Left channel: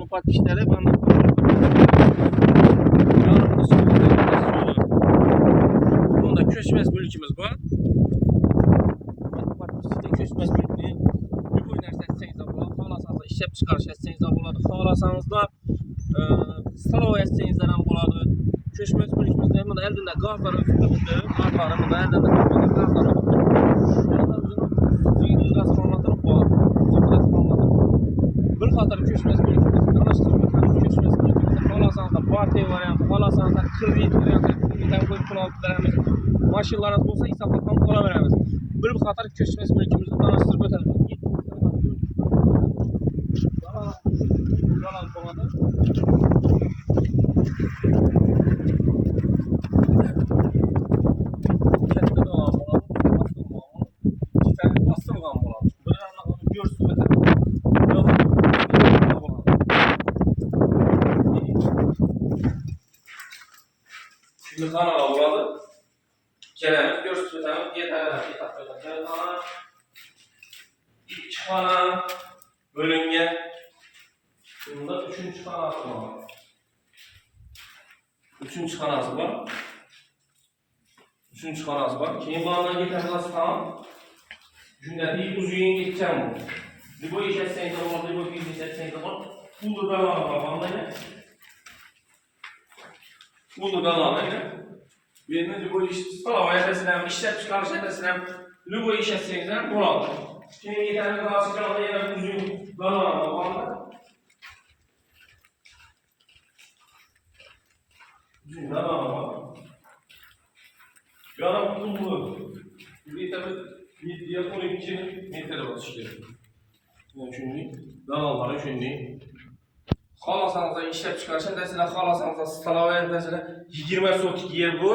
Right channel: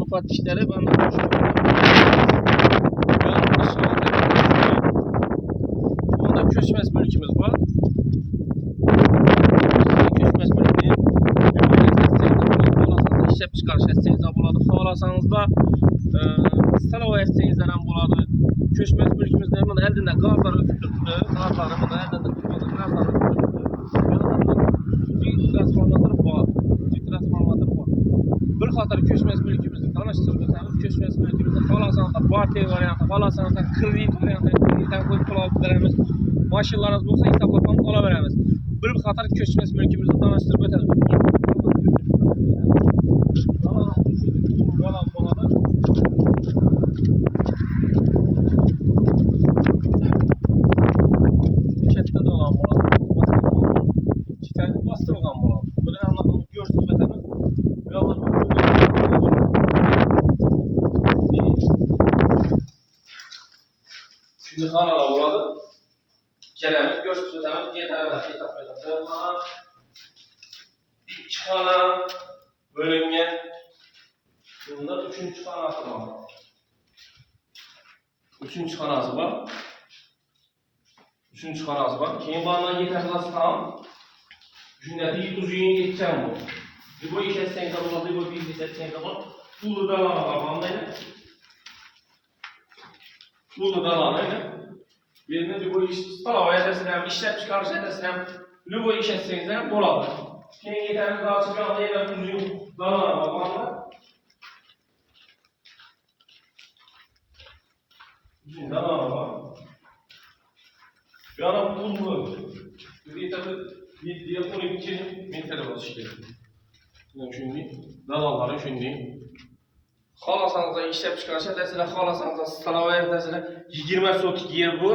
Müfettişleri bana bunda köşmez mülkümüz var. Köşmez mülkünü işlep çıkarış etseniz de buladı. Xalasanız da stalova etseniz de buladı. Köşmez mülkümüzde eldinde gazlar ötürdü. Gazlarımı da eldinde gazlar ötürdü. Transformatör var. Transformatör var. Bir xatar köşmez mülkümüzü tanıştırıp ötemiz. Köşmez mülkümüzde xalasanız da barter variantı, xalasanız da kredit variantı, kreditten koyup pul alıp veremiz. Maşinlarınız olsa hesaplapan ola veremiz. Bir xatar köşmez mülkümüzü tanıştırıp ötemiz. Katta dolan bolan, bastırılgan bolan. Bir anlatımı görsün ötemiz. Şimdi kanala buladı. Gelemiz, görsün ötemiz. Yeterler, kana, iki kana, bölünge. Bunda üçüncü kanası var. Üçüncü kanası var. Üçüncü kanası var. Keyin bağından yeterler tam. Cümleti uzun geçeceğim bu. Libo iş etseniz de olur, libo biznes etseniz de olur. Bulu dalağına bağlandı yine. Bulu dalağına yine. Birini libo iş stalava yetesinem, işlep çıkarış yetesinem, libo iş etseniz de buladı. Keyin yeterli daha çıkardı yine uzun dalağına bağlandı. Uzun dalağına bağlandı. Yana pullu. Bir tabi 7'ye 12 metre basış gerekiyor. Şimdi dalalları şimdi. Xalasanızda işlep çıkarış edəsilə, xalasanızda stalava edəsilə 20 sotik yer bu.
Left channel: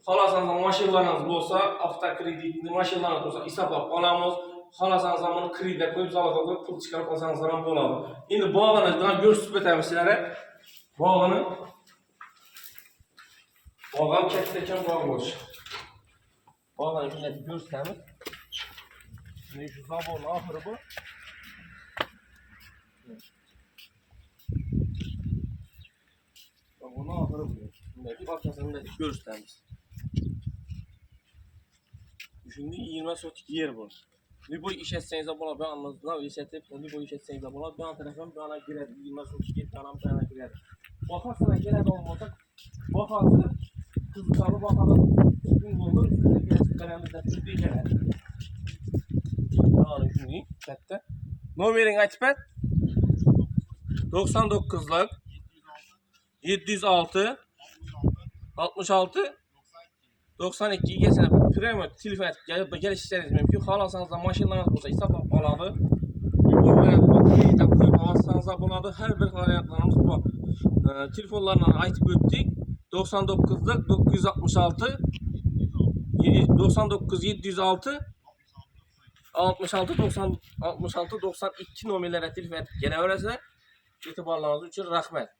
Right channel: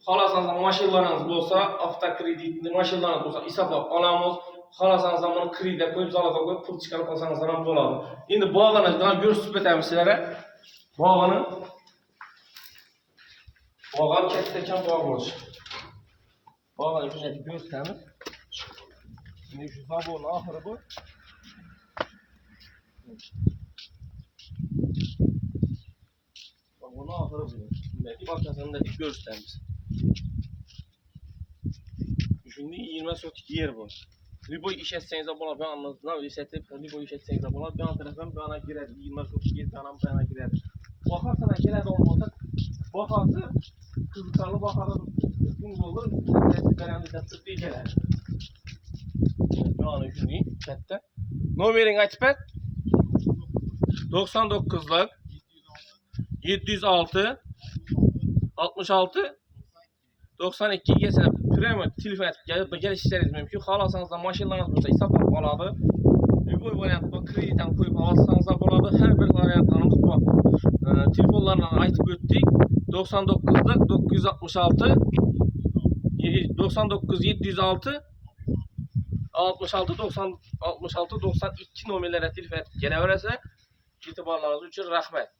Xalasanızda maşinlarınız olsa, avtokreditli maşinlarınız olsa hesaplap alamız. Xalasanızda bunu kreditə koyup zalaka koyup pul çıkarıp alsanızdan buladı. Şimdi bağlanızdan görsüp ötəlim sizlere. Bağlanın kətdəkən bağlı olacaq. Bağlanın şimdi görsəmiz. Şimdi şu zabonun ahırı bu. Zabonun ahırı bu. Şimdi arkasındaki görsəmiz. Şimdi 20 sotik yer bu. Libo iş etseniz de bula, ben anladım. Libo iş etseniz de bula, bir an telefon bir ana giredi. 20 sotik yer bir ana giredi. Bakarsana geledi olmasa, bakarsa kızıkalı bakalım. Gün olur, üstüne kalemizden Türkiye gelir. Yani şimdi chatte. Numarini açıp et. 99'lık 706 66 92 geçene premium telefon edip geliştirmeniz mümkün. Xalasanız da maşinlarınız olsa hesaplap aladı. Bu variant kreditten koyup alsanız da buladı. Her bir variantlarımız bu. Telefonlarla aytıp ötdük. 99'lık 966 99 706 66 90 66 92 nömrələrə telefon edib gələ verəsə, etibarlarınız üçün rəhmət.